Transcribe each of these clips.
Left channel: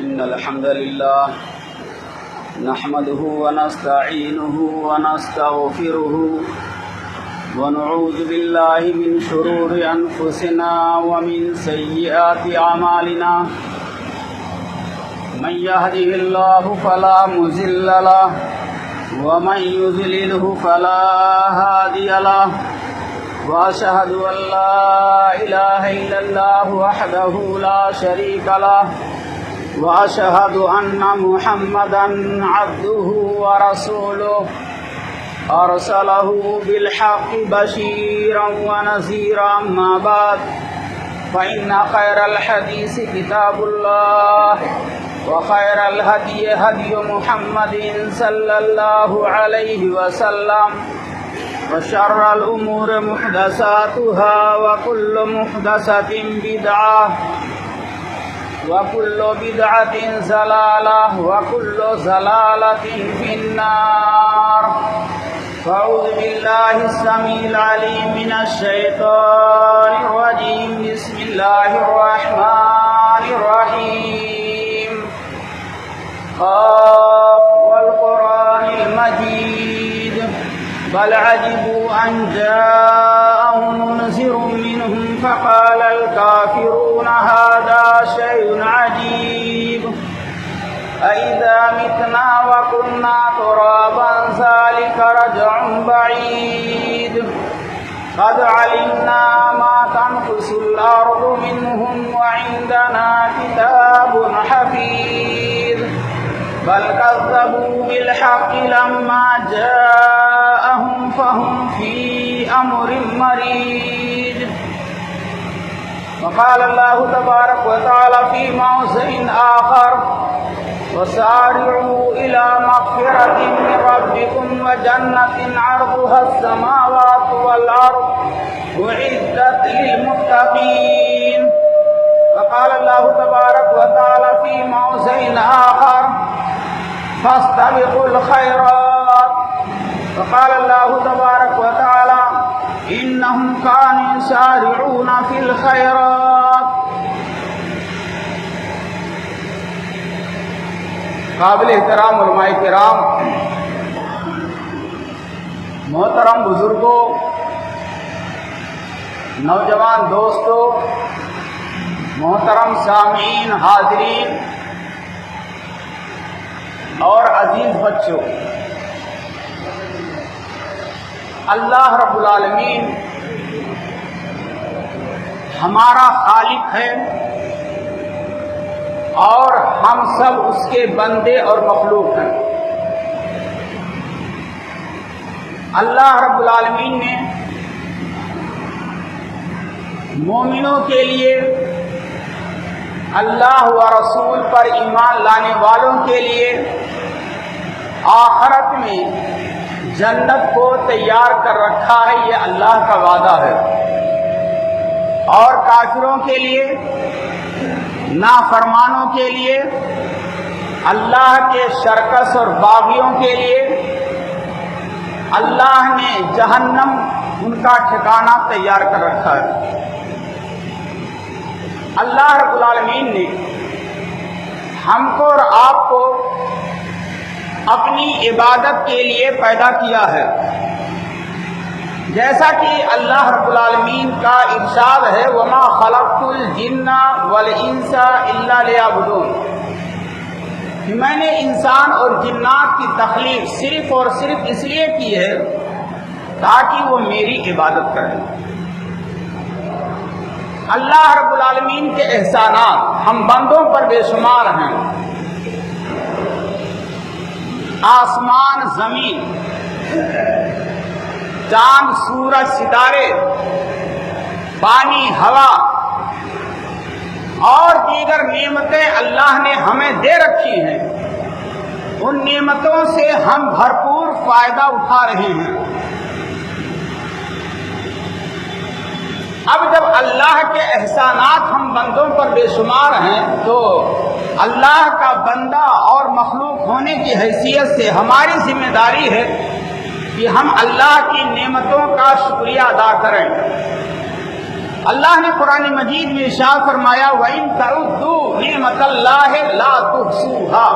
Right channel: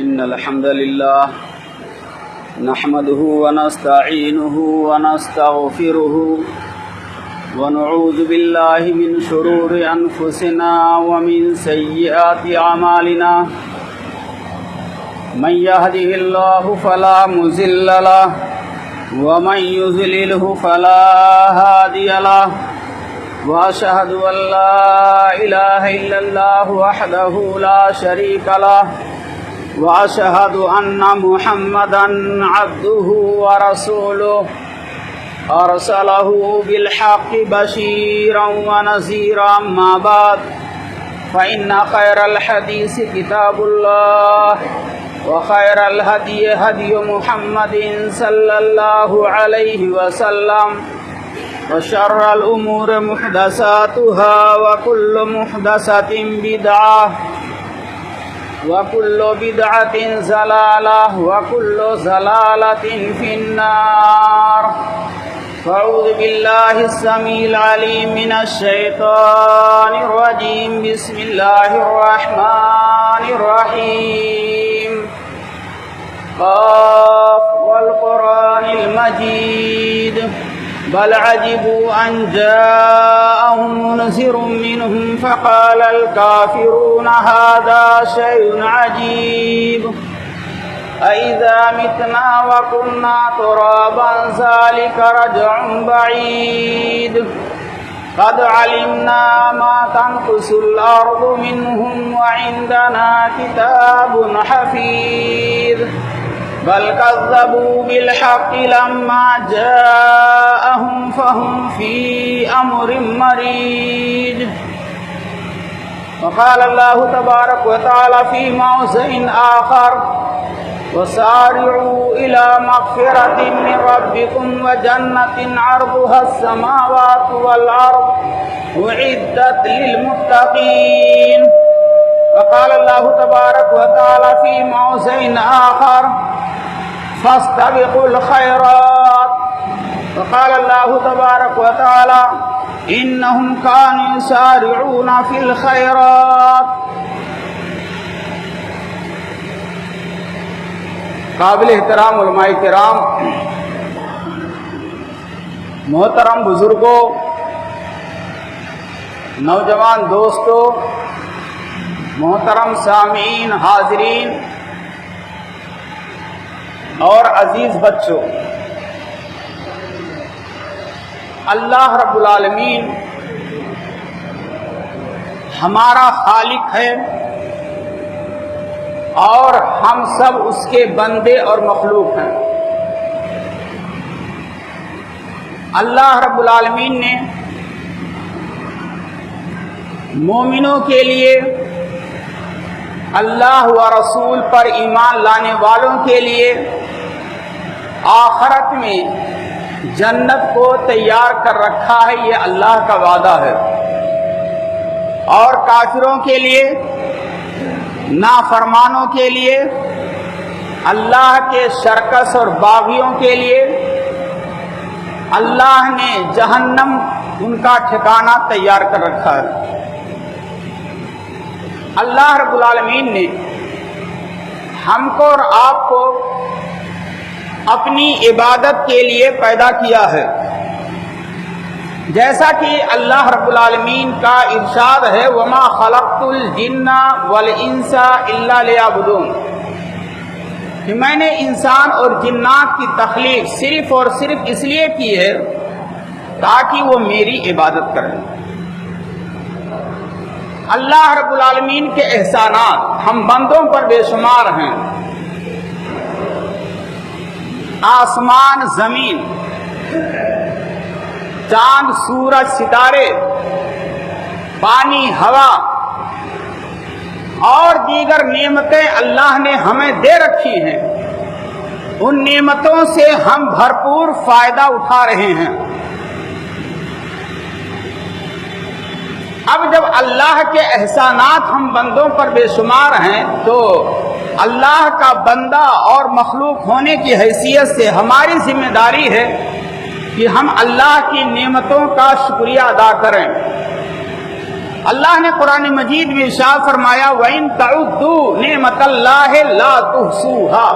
إن الحمد لله نحمده ونستعينه ونستغفره ونعوذ بالله من شرور أنفسنا ومن سيئات أعمالنا من يهده الله فلا مضل له ومن يضلله فلا هادي له وأشهد أن لا إله إلا الله وحده لا شريك له وأشهد أن محمدا عبده ورسوله أرسله بالحق بشيرا ونذيرا ما بعد فإن خير الحديث كتاب الله وخير الهدي هدي محمد صلى الله عليه وسلم وشر الأمور محدثاتها وكل محدثة بدعة وكل بدعة ضلالة وكل ضلالة في النار. أعوذ بالله السميع العليم من الشيطان الرجيم. بسم الله الرحمن الرحيم. والقرآن المجيد بل عجبوا أن جاءهم منذر منهم فقال الكافرون هذا شيء عجيب أإذا متنا وكنا ترابا ذلك رجع بعيد قد علمنا ما تنقص الأرض منهم وعندنا كتاب حفيظ بل كذبوا بالحق لما جاءهم فهم في أمر مريج. وقال الله تبارك وتعالى في موضع آخر وسارعوا إلى مغفرة من ربكم وجنة عرضها السماوات والأرض أعدت للمتقين. وقال الله تبارك وتعالى في موضع آخر فاستبقوا الخيرات. وقال الله تبارك وتعالى إنهم كانوا يسارعون في الخيرات. قابل احترام علماء کرام، محترم بزرگوں، نوجوان دوستوں، محترم سامعین، حاضرین اور عزیز بچوں، اللہ رب العالمین ہمارا خالق ہے اور ہم سب اس کے بندے اور مخلوق ہیں۔ اللہ رب العالمین نے مومنوں کے لیے، اللہ و رسول پر ایمان لانے والوں کے لیے آخرت میں جنت کو تیار کر رکھا ہے، یہ اللہ کا وعدہ ہے۔ اور کافروں کے لیے، نافرمانوں کے لیے، اللہ کے شرکس اور باغیوں کے لیے اللہ نے جہنم ان کا ٹھکانہ تیار کر رکھا ہے۔ اللہ رب العالمین نے ہم کو اور آپ کو اپنی عبادت کے لیے پیدا کیا ہے، جیسا کہ اللہ رب العالمین کا ارشاد ہے وَمَا خَلَقْتُ الْجِنَّ وَالْإِنسَ إِلَّا لِيَعْبُدُونِ، کہ میں نے انسان اور جنات کی تخلیق صرف اور صرف اس لیے کی ہے تاکہ وہ میری عبادت کریں۔ اللہ رب العالمین کے احسانات ہم بندوں پر بے شمار ہیں۔ آسمان، زمین، چاند، سورج، ستارے، پانی، ہوا اور دیگر نعمتیں اللہ نے ہمیں دے رکھی ہیں۔ ان نعمتوں سے ہم بھرپور فائدہ اٹھا رہے ہیں۔ اب جب اللہ کے احسانات ہم بندوں پر بے شمار ہیں تو اللہ کا بندہ اور مخلوق ہونے کی حیثیت سے ہماری ذمہ داری ہے کہ ہم اللہ کی نعمتوں کا شکریہ ادا کریں۔ اللہ نے قرآن مجید میں ارشاد فرمایا وَإِن تَعُدُّوا نِعْمَتَ اللَّهِ لَا تُحْصُوهَا،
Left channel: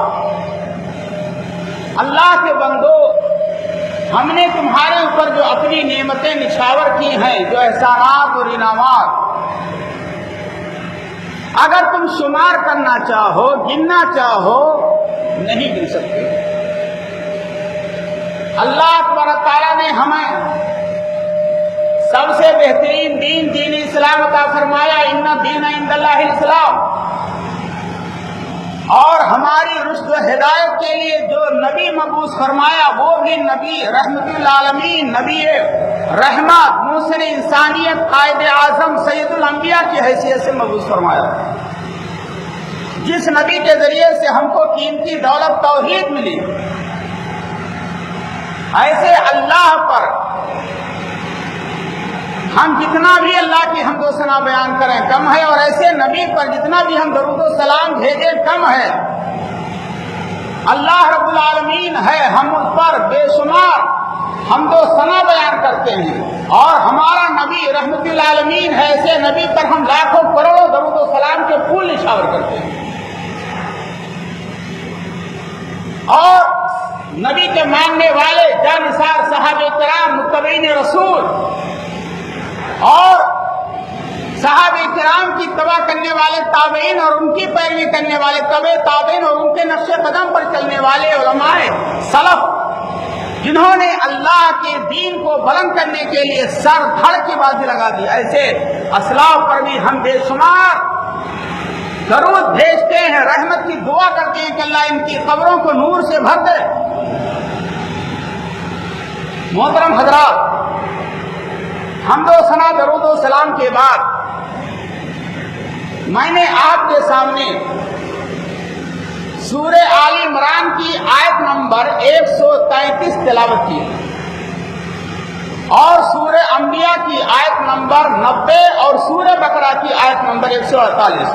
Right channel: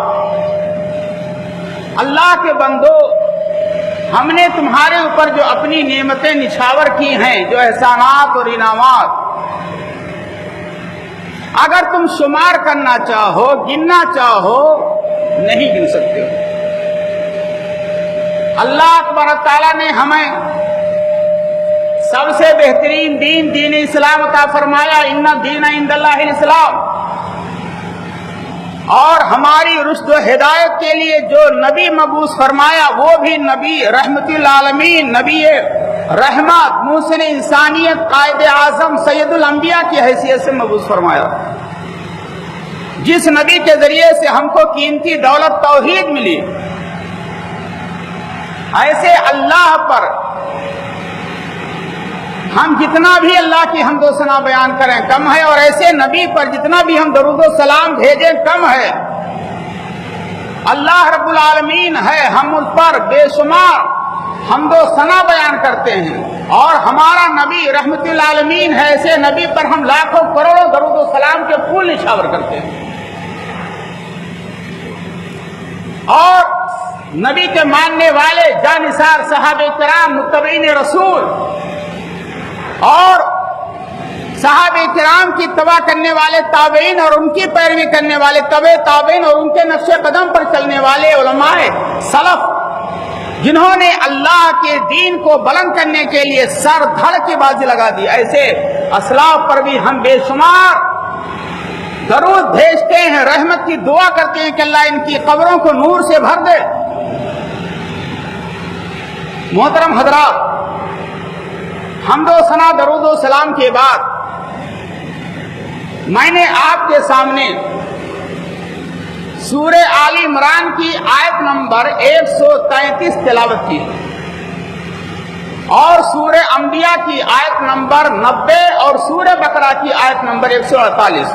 اللہ کے بندو ہم نے تمہارے اوپر جو اپنی نعمتیں نچھاور کی ہیں، جو احسانات اور انعامات، اگر تم شمار کرنا چاہو، گننا چاہو، نہیں گن سکتے۔ اللہ تبارک تعالیٰ نے ہمیں سب سے بہترین دین اسلام کا فرمایا، ان الدین عند اللہ الاسلام، اور ہماری رشد و ہدایت کے لیے جو نبی مبعوث فرمایا وہ بھی نبی رحمت للعالمین، نبی رحمت، موصل انسانیت، قائد اعظم، سید الانبیاء کی حیثیت سے مبعوث فرمایا، جس نبی کے ذریعے سے ہم کو قیمتی دولت توحید ملی۔ ایسے اللہ پر ہم جتنا بھی اللہ کی حمد و ثنا بیان کریں کم ہے، اور ایسے نبی پر جتنا بھی ہم درود و سلام بھیجیں کم ہے۔ اللہ رب العالمین ہے، ہم اس پر بے شمار حمد و ثنا بیان کرتے ہیں، اور ہمارا نبی رحمت للعالمین ہے، ایسے نبی پر ہم لاکھوں کروڑوں درود و سلام کے پھول نچھاور کرتے ہیں۔ اور نبی کے ماننے والے جانثار صحابہ کرام، متبعین رسول اور صحابہ کرام کی تبع کرنے والے تابعین اور ان کی پیروی کرنے والے تبع تابعین اور ان کے نقش قدم پر چلنے والے علماء سلف، جنہوں نے اللہ کے دین کو بلند کرنے کے لیے سر دھڑ کی بازی لگا دی، ایسے اسلاف پر بھی ہم بے شمار درود بھیجتے ہیں، رحمت کی دعا کرتے ہیں کہ اللہ ان کی قبروں کو نور سے بھر دے۔ محترم حضرات، حمد و ثنا درود و سلام کے بعد میں نے آپ کے سامنے سورہ آل عمران کی آیت نمبر 133 تلاوت کی، اور سورہ انبیاء کی آیت نمبر 90 اور سورہ بقرہ کی آیت نمبر 148۔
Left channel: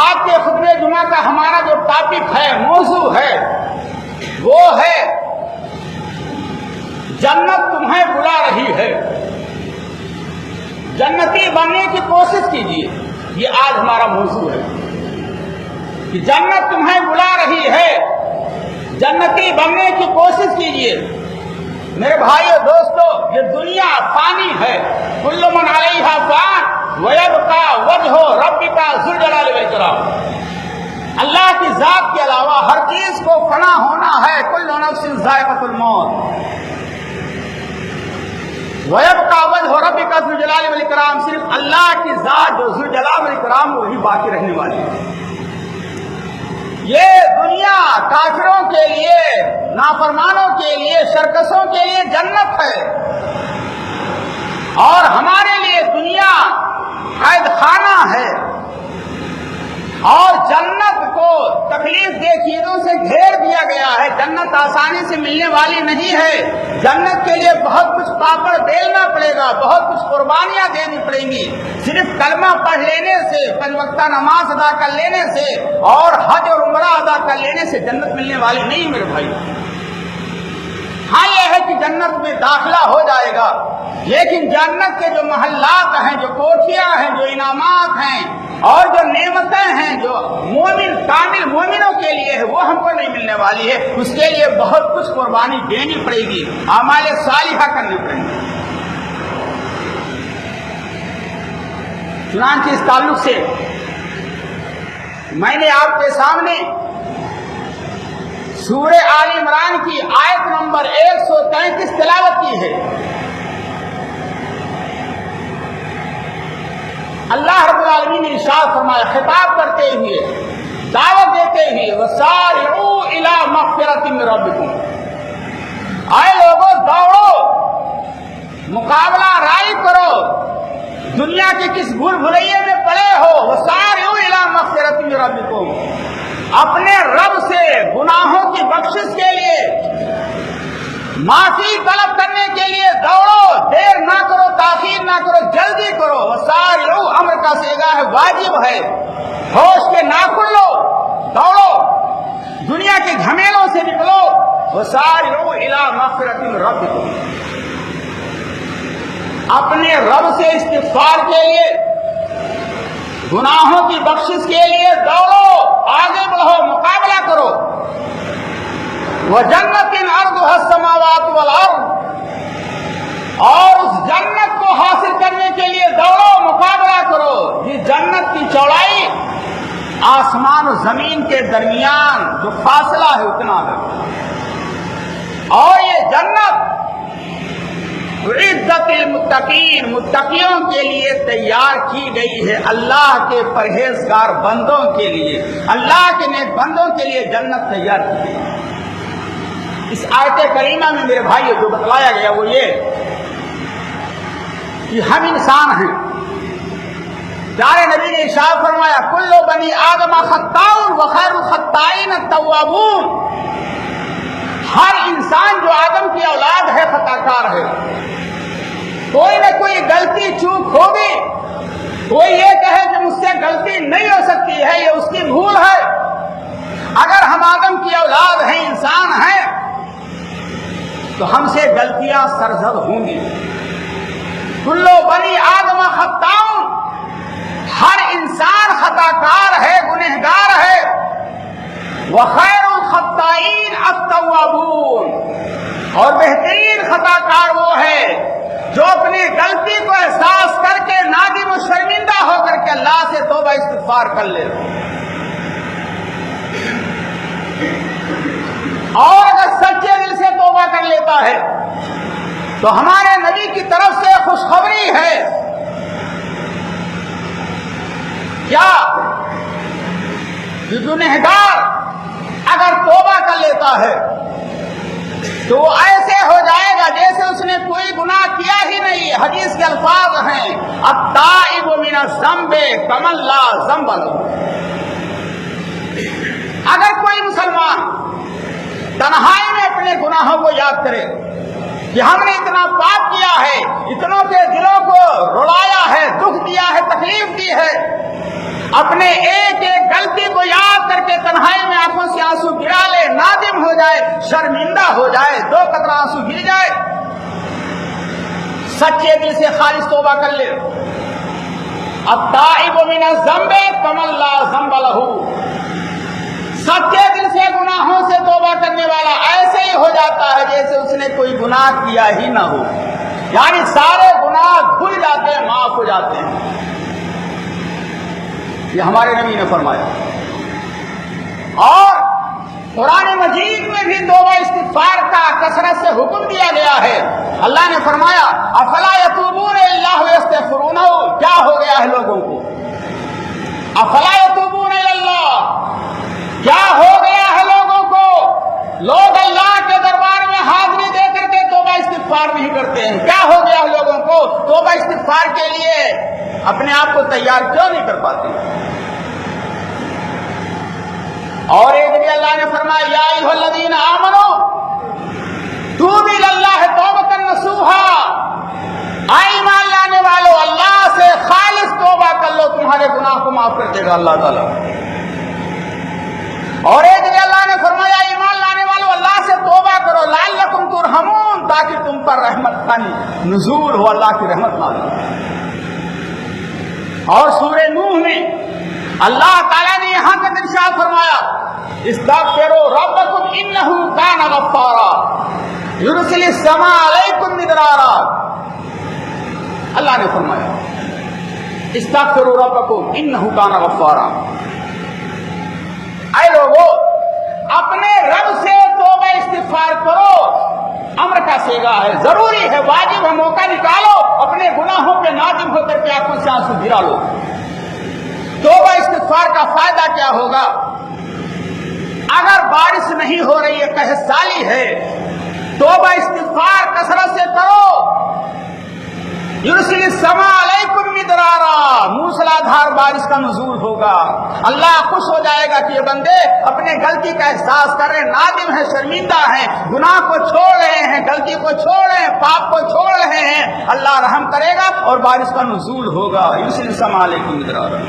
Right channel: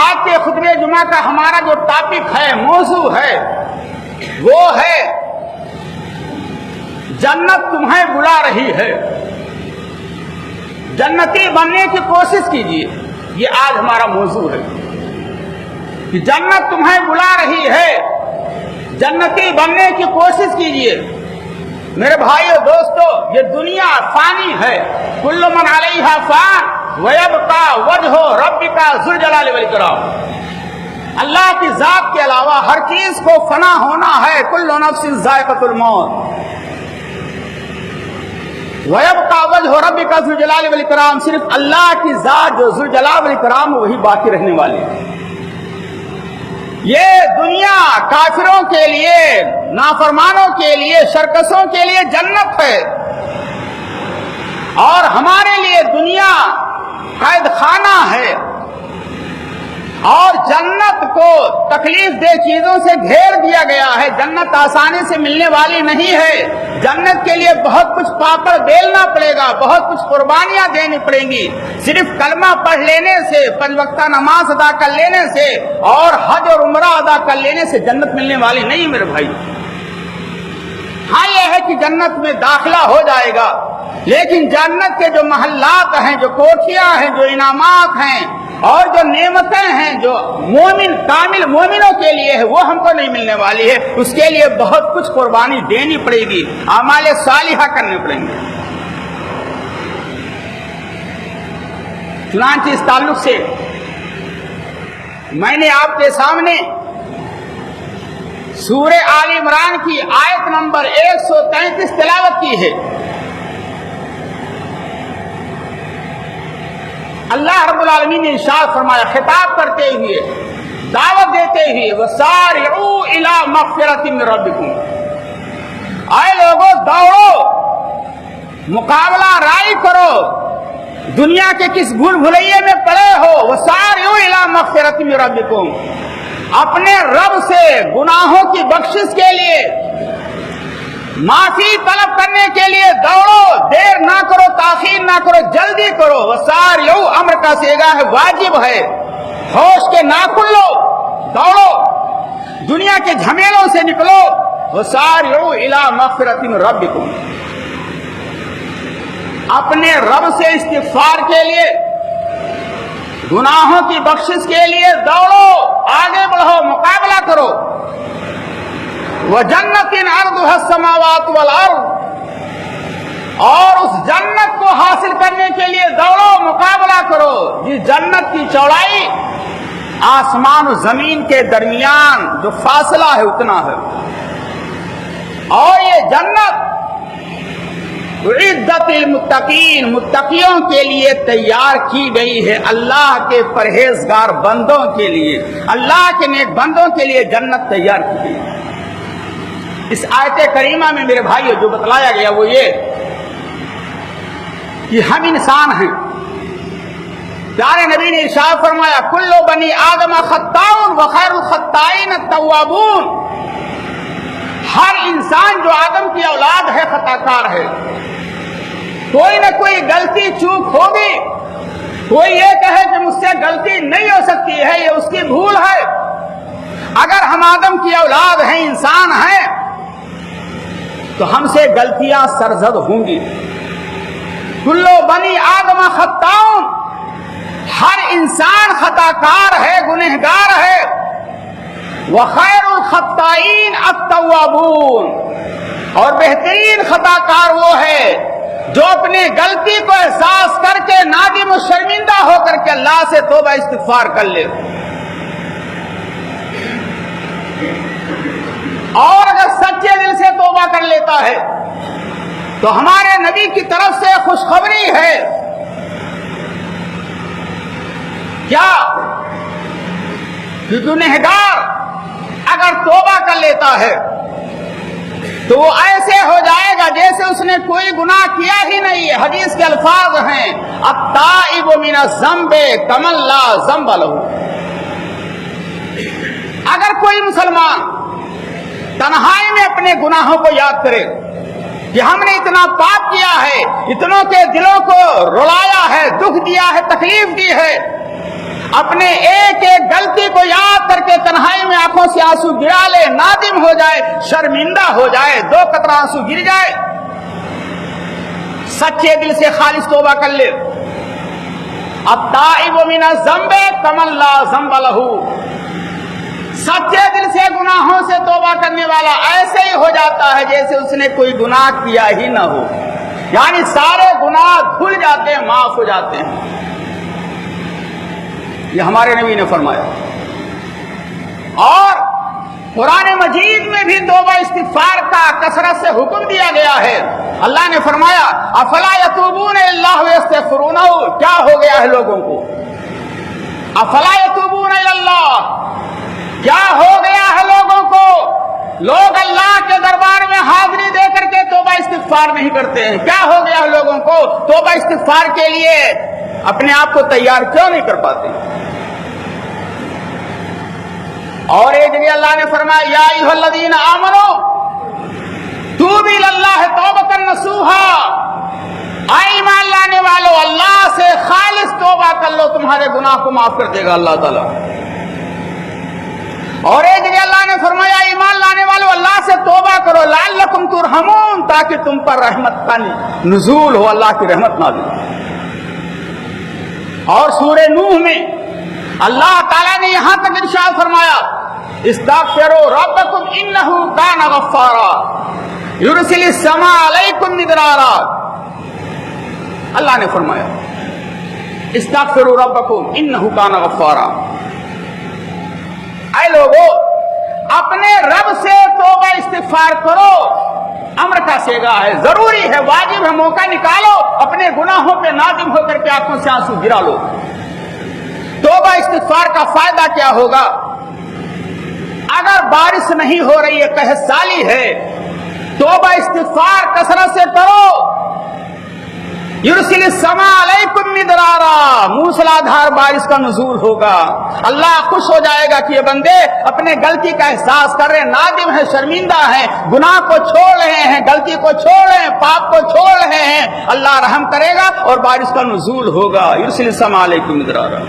آپ کے خطبہ جمعہ کا ہمارا جو ٹاپک ہے، موضوع ہے، وہ ہے جنت تمہیں بلا رہی ہے، جنتی بننے کی کوشش کیجیے۔ یہ آج ہمارا موضوع ہے کہ جنت تمہیں بلا رہی ہے، جنتی بننے کی کوشش کیجیے۔ میرے بھائیو دوستو، یہ دنیا فانی ہے، کل من علیہا فان ویبقی وجہ ربک ذو الجلال والاکرام۔ اللہ کی ذات کے علاوہ ہر چیز کو فنا ہونا ہے، کل نفس ذائقۃ الموت۔ وَيَبْقَى وَجْهُ رَبِّكَ ذُو الْجَلَالِ وَالْإِكْرَامِ، صرف اللہ کی ذات جو ذو الجلال والاکرام وہی باقی رہنے والی ہے۔ یہ دنیا کافروں کے لیے، نافرمانوں کے لیے، شرکسوں کے لیے جنت ہے، اور ہمارے لیے دنیا قید خانہ ہے، اور جنت کو تکلیف دہ چیزوں سے گھیر دیا گیا ہے۔ جنت آسانی سے ملنے والی نہیں ہے، جنت کے لیے بہت کچھ پاپڑ بیلنا پڑے گا، بہت کچھ قربانیاں دینی پڑیں گی۔ صرف کلمہ پڑھ لینے سے، 5 وقتہ نماز ادا کر لینے سے اور حج اور عمرہ ادا کر لینے سے جنت ملنے والی نہیں میرے بھائی۔ ہاں یہ ہے کہ جنت میں داخلہ ہو جائے گا، لیکن جنت کے جو محلات ہیں، جو کوٹھیاں ہیں، جو انعامات ہیں اور جو نعمتیں ہیں جو مومن کامل مومنوں کے لیے ہے، وہ ہم کو نہیں ملنے والی ہے۔ اس کے لیے بہت کچھ قربانی دینی پڑے گی، اعمال صالحہ کرنے پڑیں گے۔ چنانچہ اس تعلق سے میں نے آپ کے سامنے سورہ آل عمران کی آیت نمبر 133 تلاوت کی ہے۔ اللہ رب العالمین نے ارشاد فرمایا، خطاب کرتے ہوئے، دعوت دیتے ہوئے، وَسَارِعُوا إِلَىٰ مَغْفِرَةٍ مِّن رَّبِّكُمْ، آئے لوگوں دوڑو، مقابلہ رائی کرو، دنیا کے کس بھول بھلائیے میں پڑے ہو، وَسَارِعُوا إِلَىٰ مَغْفِرَةٍ مِّن رَّبِّكُمْ، اپنے رب سے گناہوں کی بخشش کے لیے، معافی طلب کرنے کے لیے دوڑو، دیر نہ کرو، تاخیر نہ کرو، جلدی کرو۔ وسارعوا امر کا صیغہ واجب ہے، ہوش کے ناخن لو، دوڑو، دنیا کے جھمیلوں سے نکلو۔ وسارعوا الی مغفرۃ من ربکم، اپنے رب سے استغفار کے لیے، گناہوں کی بخشش کے لیے دوڑو، آگے بڑھو، مقابلہ کرو۔ وَجَنَّةٍ عَرْضُهَا السَّمَاوَاتُ وَالْأَرْضُ، اور اس جنت کو حاصل کرنے کے لیے دوڑو، مقابلہ کرو جس جنت کی چوڑائی آسمان و زمین کے درمیان جو فاصلہ ہے اتنا ہے، اور یہ جنت عزت المتقین، متقیوں کے لیے تیار کی گئی ہے، اللہ کے پرہیزگار بندوں کے لیے، اللہ کے نیک بندوں کے لیے جنت تیار کی گئی۔ اس آیت کریمہ میں میرے بھائی جو بتلایا گیا وہ یہ کہ ہم انسان ہیں، پیارے نبی نے ارشاد فرمایا کل بنی آدم خطاء وخیر الخطائین التوابون، ہر انسان جو آدم کی اولاد ہے خطا کار ہے، کوئی نہ کوئی غلطی چوک ہوگی، کوئی یہ کہے کہ مجھ سے غلطی نہیں ہو سکتی ہے، یہ اس کی بھول ہے۔ اگر ہم آدم کی اولاد ہیں، انسان ہیں، تو ہم سے غلطیاں سرزد ہوں گی۔ کلو بنی آدم خطاء، ہر انسان خطا کار ہے، گنہگار ہے۔ وخیر الخطائین التوابون، اور بہترین خطا کار وہ ہے جو اپنی غلطی کو احساس کر کے نادم و شرمندہ ہو کر کے اللہ سے توبہ استغفار کر لے، اور اگر سچے دل سے توبہ کر لیتا ہے تو ہمارے نبی کی طرف سے خوشخبری ہے کیا کہ گنہگار اگر توبہ کر لیتا ہے تو وہ ایسے ہو جائے گا جیسے اس نے کوئی گناہ کیا ہی نہیں۔ حدیث کے الفاظ ہیں التائب من الذنب کمن لا ذنب له۔ اگر کوئی مسلمان تنہائی میں اپنے گناہوں کو یاد کرے کہ ہم نے اتنا پاپ کیا ہے، اتنوں کے دلوں کو رلایا ہے، دکھ دیا ہے، تکلیف دی ہے، اپنے ایک ایک غلطی کو یاد کر کے تنہائی میں آنکھوں سے آنسو گرا لے، نادم ہو جائے، شرمندہ ہو جائے، دو قطرہ آنسو گر جائے، سچے دل سے خالص توبہ کر لے۔ التائب من الذنب کمن لا ذنب له، سچے دل سے گناہوں سے توبہ کرنے والا ایسے ہی ہو جاتا ہے جیسے اس نے کوئی گناہ کیا ہی نہ ہو، یعنی سارے گناہ دھل جاتے ہیں، معاف ہو جاتے ہیں۔ یہ ہمارے نبی نے فرمایا، اور قرآن مجید میں بھی توبہ استغفار کا کثرت سے حکم دیا گیا ہے۔ اللہ نے فرمایا افلا یتوبون الی اللہ ویستغفرونہ، کیا ہو گیا ہے لوگوں کو؟ افلا یتوبون الی اللہ، کیا ہو گیا ہے لوگوں کو؟ لوگ اللہ کے دربار میں حاضری دے کر کے توبہ استغفار نہیں کرتے ہیں۔ کیا ہو گیا ہے لوگوں کو؟ توبہ استغفار کے لیے اپنے آپ کو تیار کیوں نہیں کر پاتے؟ اور ایک جگہ اللہ نے فرمایا یا ایھا الذین آمنوا توبوا الی اللہ توبۃ نصوحا، اے ایمان لانے والو اللہ سے خالص توبہ کر لو، تمہارے گناہ کو معاف کر دے گا اللہ تعالیٰ۔ اور ایک جگہ اللہ نے فرمایا ایمان لانے والو اللہ سے توبہ کرو لعلکم ترحمون، تاکہ تم پر رحمت کا نزول ہو، اللہ کی رحمت نازل ہو۔ اور سورہ نوح میں اللہ تعالیٰ نے یہاں تک ارشاد فرمایا استغفروا ربکم انہ کان غفارا یرسل السماء علیکم مدرارا۔ اللہ نے فرمایا استغفروا ربکم انہ کان غفارا، اے لوگو اپنے رب سے توبہ استغفار کرو، امر کا سیگا ہے، ضروری ہے، واجب ہے، موقع نکالو، اپنے گناہوں پہ نادم ہو کر کے آنکھوں سے آنسو گرا لو۔ توبہ استغفار کا فائدہ کیا ہوگا؟ اگر بارش نہیں ہو رہی ہے، قحط سالی ہے، توبہ استغفار کثرت سے کرو، یرسل السماء علیکم مدرارا، موسلادھار بارش کا نزول ہوگا، اللہ خوش ہو جائے گا کہ یہ بندے اپنے غلطی کا احساس کر رہے ہیں، نادم ہیں، شرمندہ ہیں، گناہ کو چھوڑ رہے ہیں، غلطی کو چھوڑ رہے ہیں، پاپ کو چھوڑ رہے ہیں، اللہ رحم کرے گا اور بارش کا نزول ہوگا۔ یرسل السماء علیکم مدرارا۔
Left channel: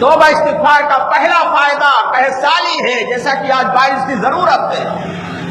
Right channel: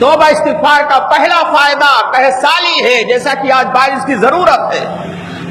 توبہ استغفار کا پہلا فائدہ قحط سالی ہے، جیسا کہ آج بارش کی ضرورت ہے،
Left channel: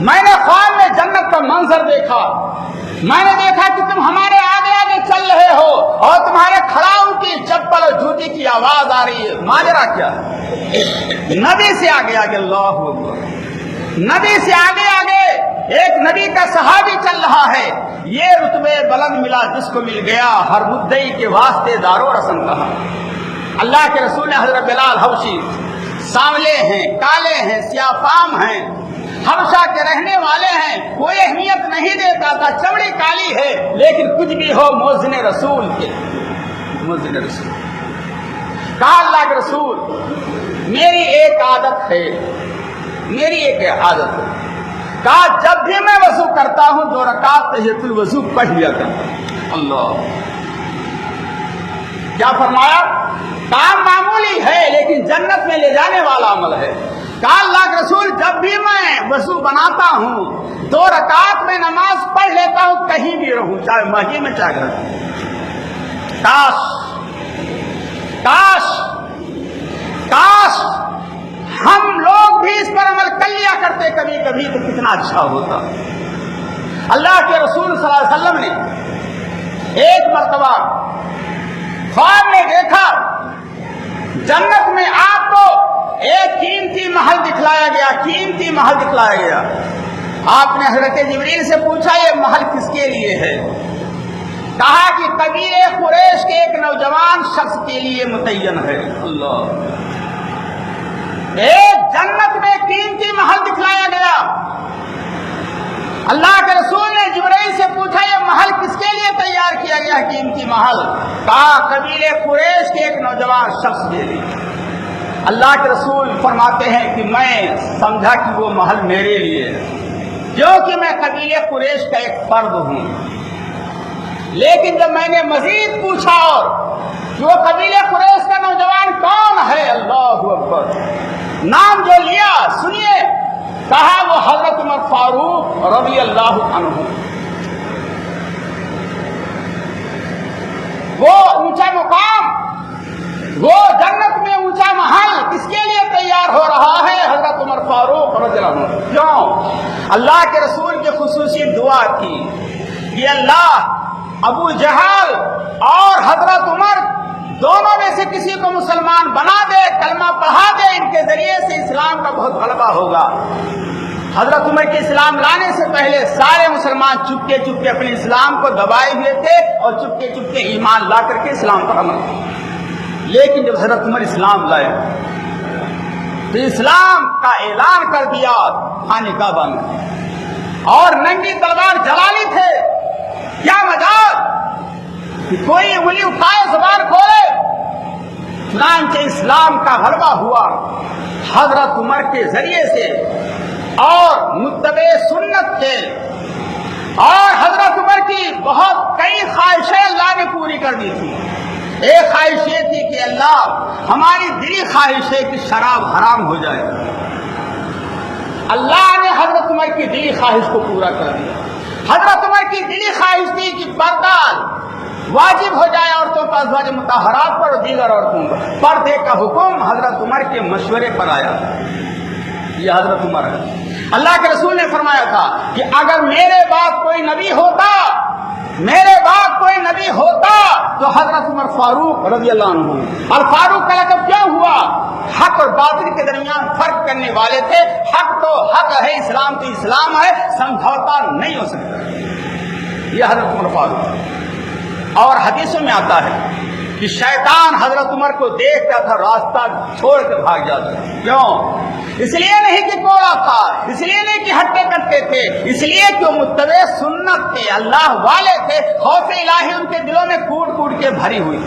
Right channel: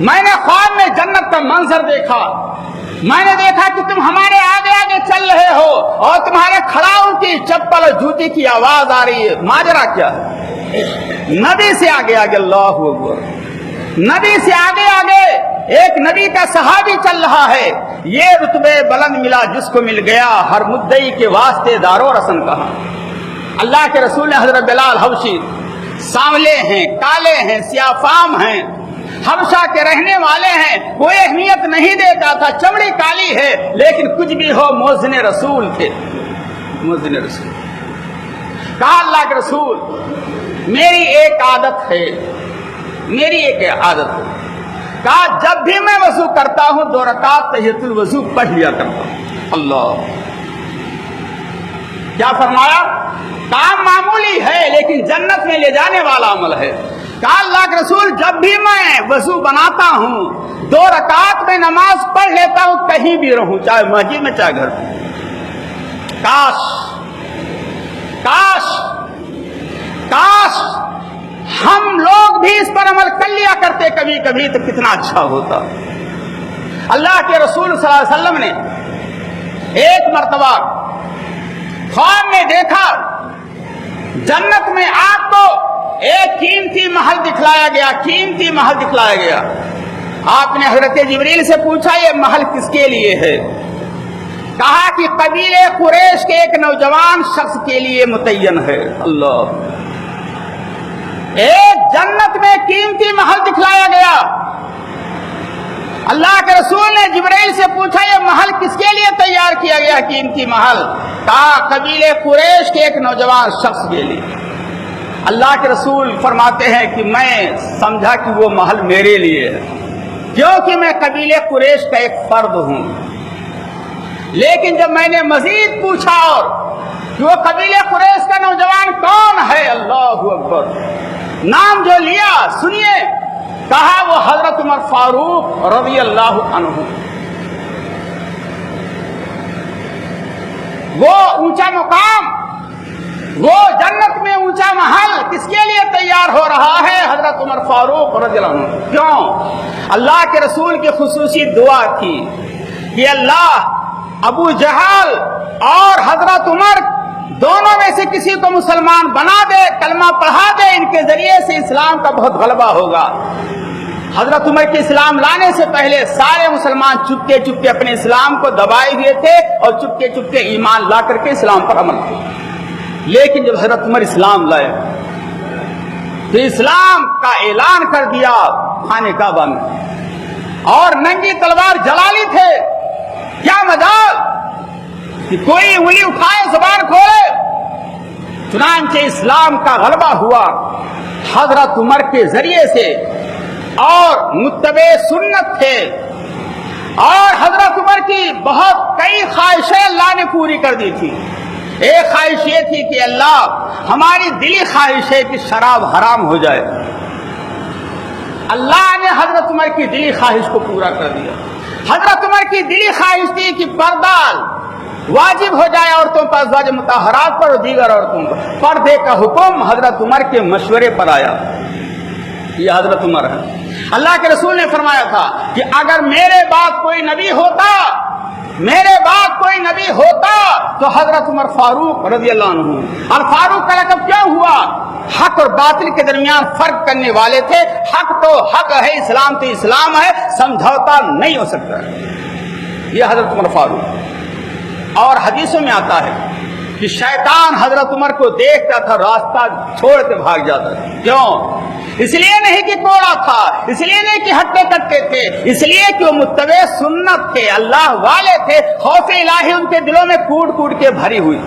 میں نے خواب میں جنت کا منظر دیکھا، میں نے دیکھا کہ تم ہمارے آگے آگے چل رہے ہو اور تمہارے کھڑاؤں کی چپل اور جوتی کی آواز آ رہی ہے، ماجرا کیا؟ نبی سے آگے آگے، اللہ اکبر، نبی سے آگے آگے ایک نبی کا صحابی چل رہا ہے، یہ رتبے بلند ملا جس کو مل گیا ہر مدعی کے واسطے دار و رسن کا۔ اللہ کے رسول حضرت بلال حبشی سانولے ہیں، کالے ہیں، سیاہ فام ہیں، حبشہ کے رہنے والے ہیں، کوئی اہمیت نہیں دیتا تھا، چمڑی کالی ہے لیکن کچھ بھی ہو مؤذن رسول تھے، مؤذن رسول۔ کہا اللہ کے رسول میری ایک عادت ہے، میری ایک عادت ہے، کہا جب بھی میں وضو کرتا ہوں 2 رکعت تحیۃ الوضو پڑھ لیا کرتا۔ اللہ، کیا فرمایا؟ کام معمولی ہے لیکن جنت میں لے جانے والا عمل ہے۔ کہا اللہ کے رسول جب بھی میں وضو بناتا ہوں 2 رکعت میں نماز پڑھ لیتا ہوں، کہیں بھی رہوں، چاہے مسجد میں چاہے گھر میں۔ کاش کاش کاش ہم لوگ بھی اس پر عمل کر لیا کرتے کبھی کبھی تو کتنا اچھا ہوتا۔ اللہ کے رسول صلی اللہ علیہ وسلم نے ایک مرتبہ خواب میں دیکھا جنت میں آپ کو ایک قیمتی محل دکھلایا گیا، قیمتی محل دکھلایا گیا۔ آپ نے حضرت جبریل سے پوچھا یہ محل کس کے لیے ہے؟ کہا کہ قبیلے قریش کے ایک نوجوان شخص کے لیے متعین ہے۔ اللہ، ایک جنت میں قیمتی محل دکھلایا گیا۔ اللہ کے رسول نے جبرائیل سے پوچھا یہ محل کس کے لیے تیار کیا گیا قیمتی محل؟ کہا قبیلے قریش کے ایک نوجوان شخص کے لیے۔ اللہ کے رسول فرماتے ہیں کہ میں سمجھا کہ وہ محل میرے لیے ہے کیونکہ میں قبیلے قریش کا ایک فرد ہوں، لیکن جب میں نے مزید پوچھا کہ وہ قبیلے قریش کا نوجوان کون ہے، اللہ اکبر، نام جو لیا سنیے، کہا وہ حضرت عمر فاروق رضی اللہ عنہ۔ وہ اونچا مقام، وہ جنت میں اونچا محل کس کے لیے تیار ہو رہا ہے؟ حضرت عمر فاروق رضی اللہ عنہ۔ کیوں؟ اللہ کے رسول کی خصوصی دعا تھی کہ اللہ ابو جہل اور حضرت عمر دونوں میں سے کسی کو مسلمان بنا دے، کلمہ پڑھا دے، ان کے ذریعے سے اسلام کا بہت غلبہ ہوگا۔ حضرت عمر کے اسلام لانے سے پہلے سارے مسلمان چپکے چپکے اپنے اسلام کو دبائے ہوئے تھے اور چپکے چپکے ایمان لا کر کے اسلام پر عمل کیا، لیکن جب حضرت عمر اسلام لائے تو اسلام کا اعلان کر دیا خانہ کعبہ میں، اور ننگی تلوار جلالی تھے۔ کیا مجال کہ کوئی انگلی اٹھائے زبان کھولے؟ چنانچہ اسلام کا غلبہ ہوا حضرت عمر کے ذریعے سے، اور متبع سنت تھے، اور حضرت عمر کی بہت کئی خواہشیں اللہ نے پوری کر دی تھی۔ ایک خواہش یہ تھی کہ اللہ ہماری دلی خواہش ہے کہ شراب حرام ہو جائے، اللہ نے حضرت عمر کی دلی خواہش کو پورا کر دیا۔ حضرت عمر کی دلی خواہش تھی کہ پردہ واجب ہو جائے عورتوں پر، ازواج مطہرات پر اور دیگر عورتوں پر۔ پردے کا حکم حضرت عمر کے مشورے پر آیا۔ یہ حضرت عمر ہے۔ اللہ کے رسول نے فرمایا تھا کہ اگر میرے بعد کوئی نبی ہوتا، میرے بعد کوئی نبی ہوتا تو حضرت عمر فاروق رضی اللہ عنہ۔ اور فاروق کا لقب کیا ہوا؟ حق اور باطل کے درمیان فرق کرنے والے تھے۔ حق تو حق ہے، اسلام تو اسلام ہے، سمجھوتا نہیں ہو سکتا۔ یہ حضرت عمر فاروق۔ اور حدیثوں میں آتا ہے کہ شیطان حضرت عمر کو دیکھتا تھا راستہ چھوڑ کے بھاگ جاتا ہے۔ کیوں؟ اس لیے نہیں کہ کوڑا تھا، اس لیے نہیں کہ ہٹے کٹے تھے، اس لیے کہ وہ متبع سنت تھے، اللہ والے تھے، خوف الہی ان کے دلوں میں کوٹ کوٹ کے بھری ہوئی۔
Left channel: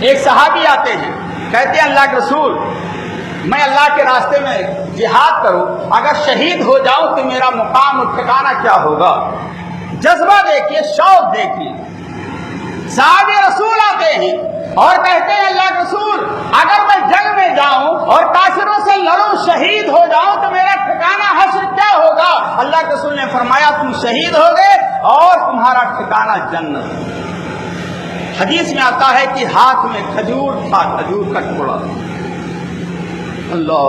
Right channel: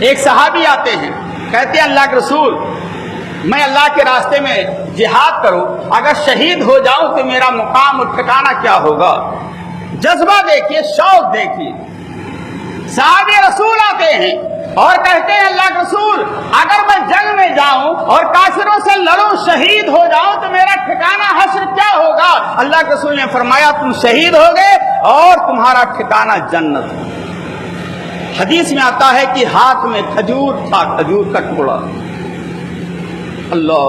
ایک صحابی آتے ہیں، کہتے ہیں اللہ کے رسول میں اللہ کے راستے میں جہاد کروں، اگر شہید ہو جاؤں تو میرا مقام اور ٹھکانہ کیا ہوگا؟ جذبہ دیکھیے، شوق دیکھیے۔ صحابی رسول آتے ہیں اور کہتے ہیں اللہ کے رسول اگر میں جنگ میں جاؤں اور کافروں سے لڑوں، شہید ہو جاؤں تو میرا ٹھکانہ حشر کیا ہوگا؟ اللہ کے رسول نے فرمایا تم شہید ہو گئے اور تمہارا ٹھکانہ جنت۔ حدیث میں آتا ہے کہ ہاتھ میں کھجور تھا، کھجور کا ٹکڑا۔ اللہ،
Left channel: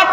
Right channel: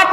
8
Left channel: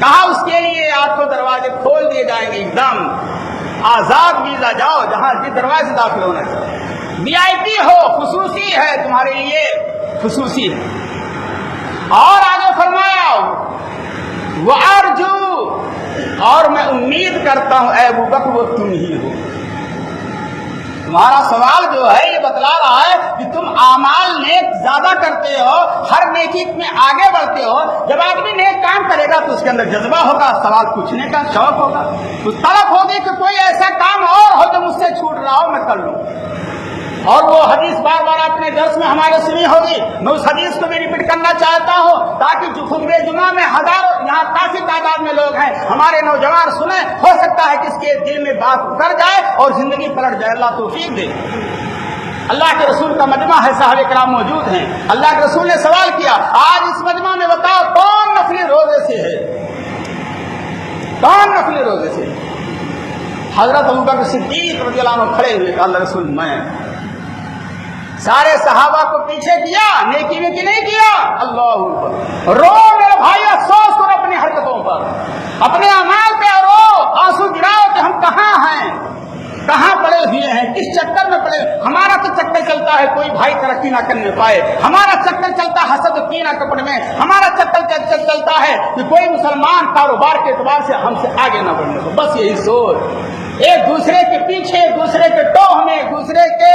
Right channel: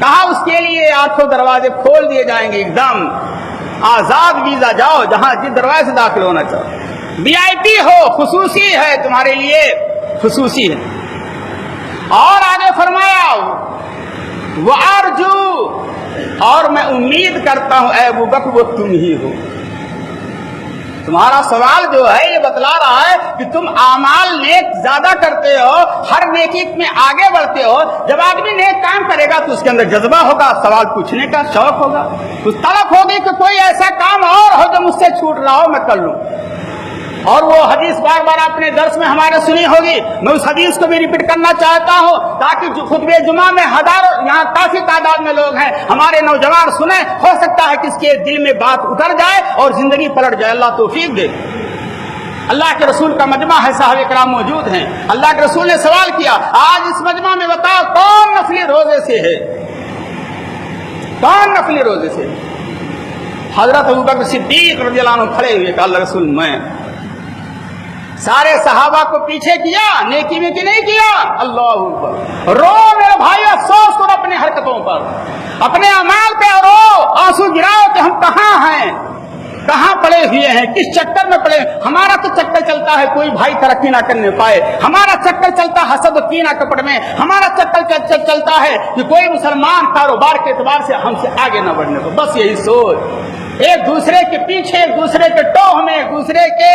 کہا اس کے لیے 8 دروازے کھول دیے جائیں گے، ایک دم آزاد ویزا، جاؤ جہاں جس دروازے سے داخل ہونا چاہو، VIP ہو، خصوصی ہے تمہارے لیے، خصوصی ہے۔ اور آگے فرمایا وَأَرْجُو، اور میں امید کرتا ہوں اے ابو بکر وہ تم ہی ہو۔ تمہارا سوال جو ہے یہ بتلا رہا ہے کہ تم اعمال نیک زیادہ کرتے ہو، ہر نیکی میں آگے بڑھتے ہو۔ جب آدمی نیک کام کرے گا تو اس کے اندر جذبہ ہوگا، سوال پوچھنے کا شوق ہوگا، اس طرف ہوگی کہ کوئی ایسا کام اور ہو جو مجھ سے چھوٹ رہا ہو میں کر لوں۔ اور وہ حدیث بار بار اپنے درس میں ہمارے سنی ہوگی، میں اس حدیث کو بھی ریپیٹ کرنا چاہتا ہوں تاکہ خطبہ جمعہ میں ہزاروں، یہاں کافی تعداد میں لوگ ہیں، ہمارے نوجوان سنیں، ہو سکتا ہے کہ اس کے دل میں بات اتر جائے اور زندگی پلٹ جائے، اللہ توفیق دے۔ اللہ کے رسول کا مجمع ہے، صحابہ کرام موجود ہیں، اللہ کے رسول نے سوال کیا آج اس مجمع میں بتاؤ کون نفلی روزے سے ہے، کون نفلی روزے سے؟ حضرت ابوبکر صدیق رضی اللہ عنہ کھڑے ہوئے کہ اللہ رسول میں۔ سارے صحابہ کو پیچھے کیا، نیکی میں نہیں کیا، اللہ رو میرے بھائی، افسوس کرو اپنی حرکتوں پر، اپنے اعمال پہ رو، آنسو گراؤ کہ ہم کہاں ہیں، کہاں پڑے ہوئے ہیں، کس چکر میں پڑے۔ ہمارا تو چکر چلتا ہے کوئی بھائی ترقی نہ کرنے پائے، ہمارا چکر چلتا ہے حسد و کینہ کپڑ میں، ہمارا چکر چلتا ہے کہ کوئی مسلمان کاروبار کے اعتبار سے ہم سے آگے نہ بڑھنے کو، بس یہی سوچ، ایک دوسرے کے پیچھے، ایک دوسرے کے ٹوہ میں، ایک دوسرے کے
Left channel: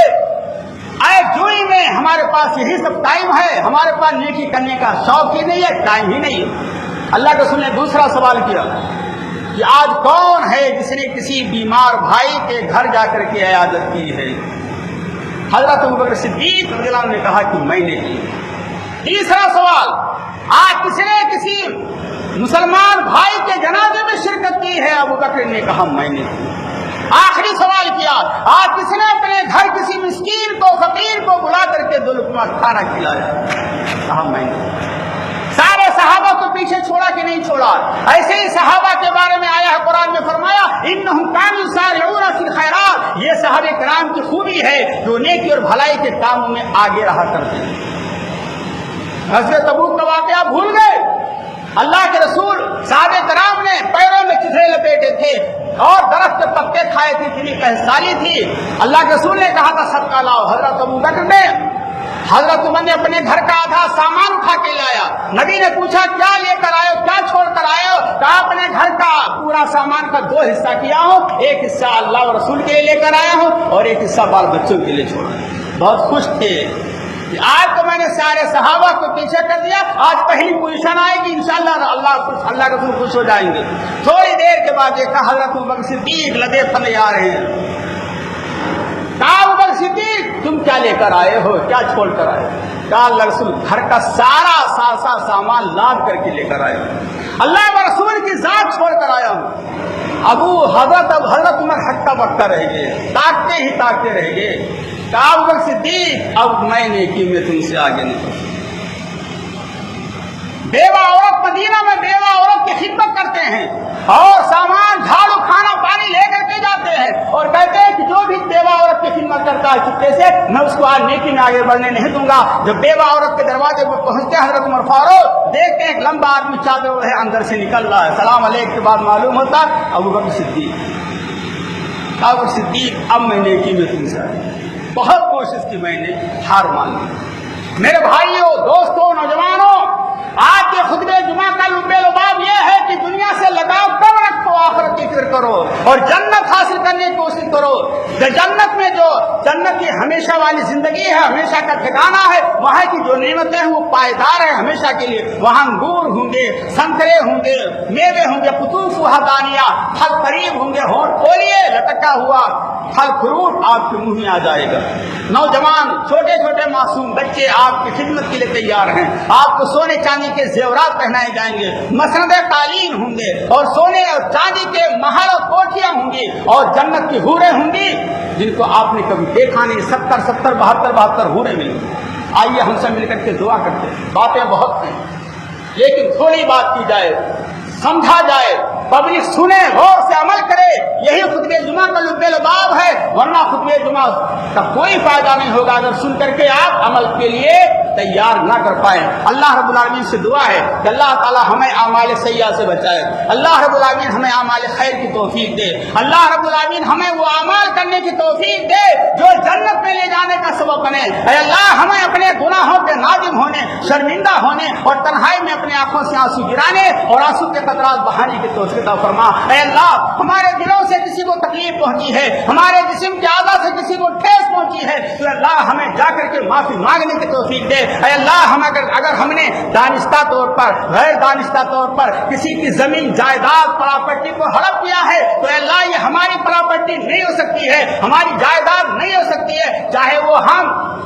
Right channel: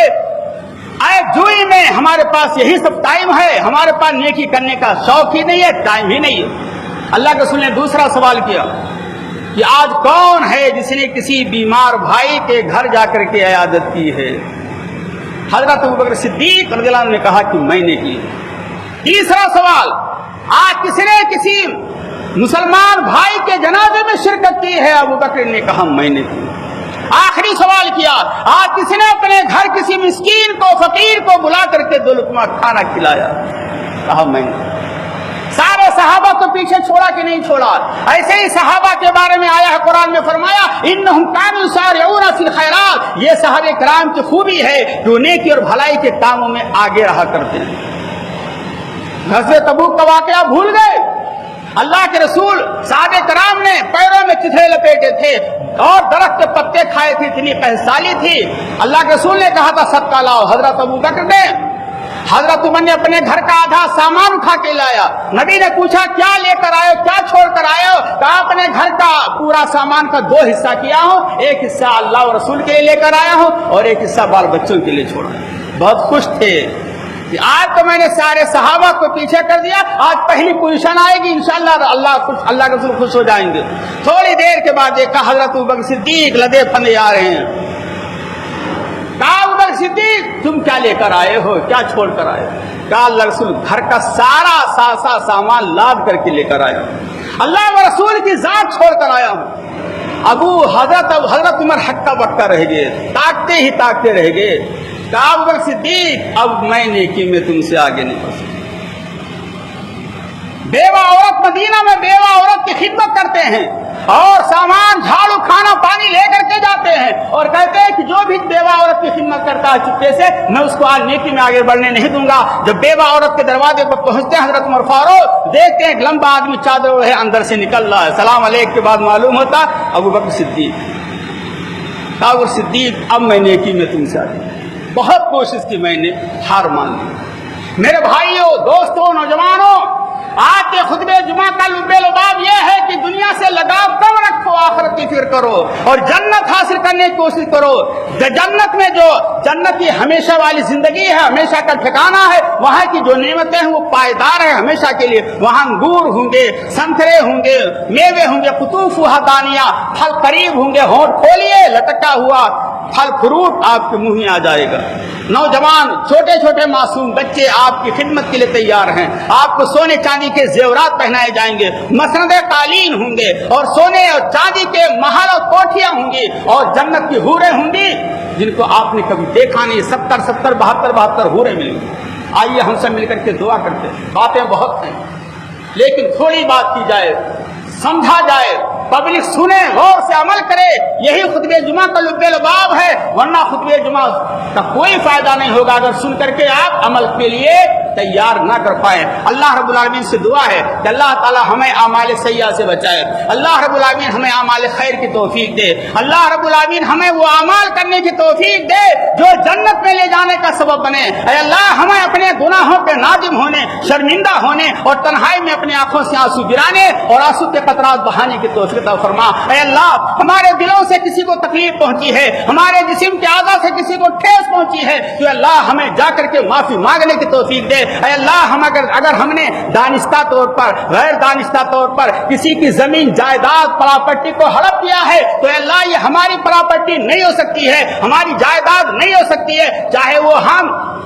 جوئی میں، ہمارے پاس یہی سب ٹائم ہے، ہمارے پاس نیکی کرنے کا شوق ہی نہیں ہے، ٹائم ہی نہیں ہے۔ اللہ کے رسول نے دوسرا سوال کیا کہ آج کون ہے جس نے کسی بیمار بھائی کے گھر جا کر کے عیادت کی ہے؟ حضرت ابوبکر صدیق رضی اللہ عنہ نے کہا کہ میں نے کی۔ تیسرا سوال، آج کس نے کسی مسلمان بھائی کے جنازے میں شرکت کی ہے؟ ابوبکر نے کہا میں نے کی۔ آخری سوال کیا، آپ کسی نے اپنے گھر کسی مسکین کو، فقیر کو بلا کر کے 2 لقمہ کھانا کھلایا؟ کہا میں نے۔ سارے صحابہ کو پیچھے چھوڑا کہ نہیں چھوڑا؟ ایسے ہی صحابہ کے بارے میں آیا ہے قرآن میں، فرمایا انہم کانوا یسارعون فی الخیرات، یہ صحابہ کرام کی خوبی ہے جو نیکی اور بھلائی کے کاموں میں آگے رہا کرتے ہیں۔ غزوہ تبوک کا واقعہ بھول گئے؟ اللہ کے رسول صحابہ کرام نے پیروں میں چتھڑے لپیٹے تھے اور درخت کے پتے کھائے تھے، اتنی پہسالی تھی۔ اللہ کے رسول نے کہا تھا صدقہ لاؤ، حضرت ابوبکر نے، حضرت عمر نے اپنے گھر کا آدھا سامان اٹھا کے لایا۔ نبی نے پوچھا کیا لے کر آئے ہو، کیا چھوڑ کر آئے ہو؟ کہا اپنے گھر کا پورا سامان کا 2 حصہ کیا ہوں، ایک حصہ اللہ اور رسول کے لیے لے کر آیا ہوں اور ایک حصہ بال بچوں کے لیے چھوڑا۔ بہت خوش تھے کہ آج تو میں نے سارے صحابہ کو پیچھے کر دیا، آج پہلی پوزیشن آئے گی انشاءاللہ، اللہ کے رسول خوش ہو جائیں گے۔ تھوڑی دیر کے بعد ایک حضرت ابوبکر صدیق لدے پھندے آ رہے ہیں۔ کہا ابوبکر صدیق تم کیا لے کر آئے ہو، کیا چھوڑ کر آئے؟ کہا اللہ رسول گھر کا سارا سامان لاد کر کے لے کر آیا ہوں، اللہ و رسول کی ذات چھوڑ کر آیا ہوں۔ حضرت عمر ہکا بکا رہ گئے، تاکتے رہ گئے۔ کہا ابوبکر صدیق اب میں نیکی میں تم سے آگے نہیں۔ بیوہ عورت مدینہ میں بیوہ عورت کی خدمت کرتے ہیں اور سامان جھاڑو کھانا پانی لے کر کے جاتے ہیں اور کہتے ہیں کہ جو بھی بیوہ عورت کی خدمت کرتا ہے چپکے سے میں اس کو آج نیکی میں آگے بڑھنے نہیں دوں گا۔ جب بیوہ عورت کے دروازے پر پہنچتے ہیں حضرت عمر فاروق دیکھتے ہیں ایک لمبا آدمی چادر اوڑھے اندر سے نکل رہا ہے، سلام علیکم کے بعد معلوم ہوتا ابوبکر صدیق۔ ابوبکر صدیق اب میں نیکی میں تم سے آگے، بہت کوشش کی میں نے ہار مان لی۔ میرے بھائیوں، دوستوں، نوجوانوں، آج کے خطبہ جمعہ کا لباب یہ ہے کہ دنیا سے لگاؤ کم رکھو، آخرت کی فکر کرو اور جنت حاصل کرنے کی کوشش کرو۔ جنت میں جو جنت کی ہمیشہ والی زندگی ہے، ہمیشہ کا ٹھکانہ ہے، وہاں کی جو نعمتیں ہیں وہ پائیدار ہیں ہمیشہ کے لیے۔ وہاں انگور ہوں گے، سنترے ہوں گے، میوے ہوں گے، قطوفها دانیہ، پھل قریب ہوں گے، ہونٹ کھولیے لٹکا ہوا پھل فروٹ آپ کے منہ میں آ جائے گا۔ نوجوان چھوٹے چھوٹے معصوم بچے آپ کی خدمت کے لیے تیار ہیں، آپ کو سونے چاندی کے زیورات پہنائے جائیں گے، مسند قالین ہوں گے اور سونے اور چاندی کے محل اور کوٹھیاں ہوں گی اور جنت کی حوریں ہوں گی جن کو آپ نے کبھی دیکھا نہیں۔ 70 72 حوریں ملیں گی۔ آئیے ہم سب مل کر کے دعا کرتے ہیں۔ باتیں بہت ہیں لیکن تھوڑی بات کی جائے، سمجھا جائے، پبلک سنے، غور سے عمل کرے، یہی خطبہ جمعہ کا لباب ہے، ورنہ خطبہ جمعہ کا کوئی فائدہ نہیں ہوگا اگر سن کر کے آپ عمل کے لیے تیار نہ کر پائے. اللہ رب العالمین سے دعا ہے کہ اللہ تعالی ہمیں اعمال سیئہ سے بچائے. اللہ رب العالمین ہمیں اعمال خیر کی توفیق دے. اللہ رب العالمین ہمیں وہ اعمال کرنے کی توفیق دے جو جنت میں لے جانے کا سبب بنے. اے اللہ ہمیں اپنے گناہوں کے نادم ہونے، شرمندہ ہونے اور تنہائی میں اپنی آنکھوں سے آنسو گرانے اور آنسو کے قطرات بہانے کی توفیق عطا فرما. اے اللہ ہمارے دلوں سے کسی کو تکلیف پہنچی ہے، ہمارے جسم کے اعضاء سے کسی کو ٹھیس پہنچی ہے تو اللہ ہمیں جا کر کے معافی مانگنے کی توفیق دے. اے اللہ اگر ہم نے دانستہ طور پر، غیر دانستہ طور پر کسی کی زمین جائیداد پراپرٹی کو ہڑپ کیا ہے تو اے اللہ یہ ہماری پراپرٹی نہیں ہو سکتی ہے، ہماری جائیداد نہیں ہو سکتی ہے، چاہے وہ ہم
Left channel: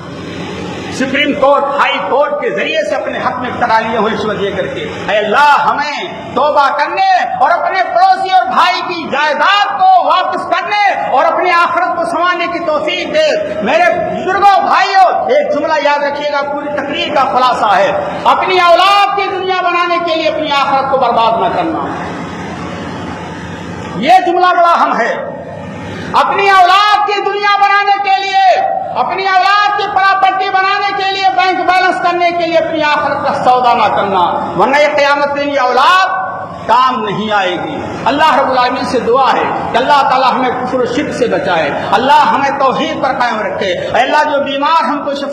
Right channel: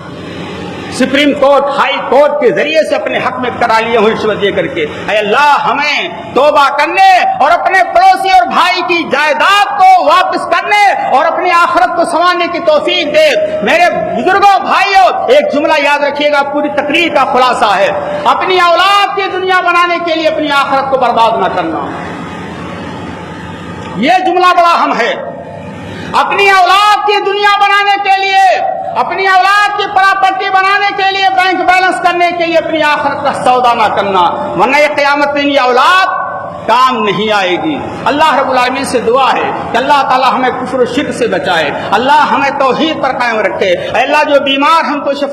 سپریم کورٹ، ہائی کورٹ کے ذریعے سے اپنے حق میں کرا لیے ہوں رشوت دے کر کے. اے اللہ ہمیں توبہ کرنے اور اپنے پڑوسی اور بھائی کی جائیداد کو واپس کرنے اور اپنی آخرت کو سنوارنے کی توفیق دے. میرے بزرگوں بھائیوں، ایک جملہ یاد رکھیے گا، پوری تقریر کا خلاصہ ہے، اپنی اولاد کی دنیا بنانے کے لیے اپنی آخرت کو برباد نہ کرنا. یہ جملہ بڑا اہم ہے. اپنی اولاد کی دنیا بنانے کے لیے، اپنی اولاد کی پراپرٹی بنانے کے لیے، بینک بیلنس کرنے کے لیے اپنی آخرت کا سودا نہ کرنا، ورنہ یہ قیامت میں یہ اولاد کام نہیں آئے گی. اللہ رب العالمین سے دعا ہے کہ اللہ تعالی ہمیں کفر و شرک سے بچائے، اللہ ہمیں توحید پر قائم رکھے. اللہ جو بیمار ہیں ان کو شفا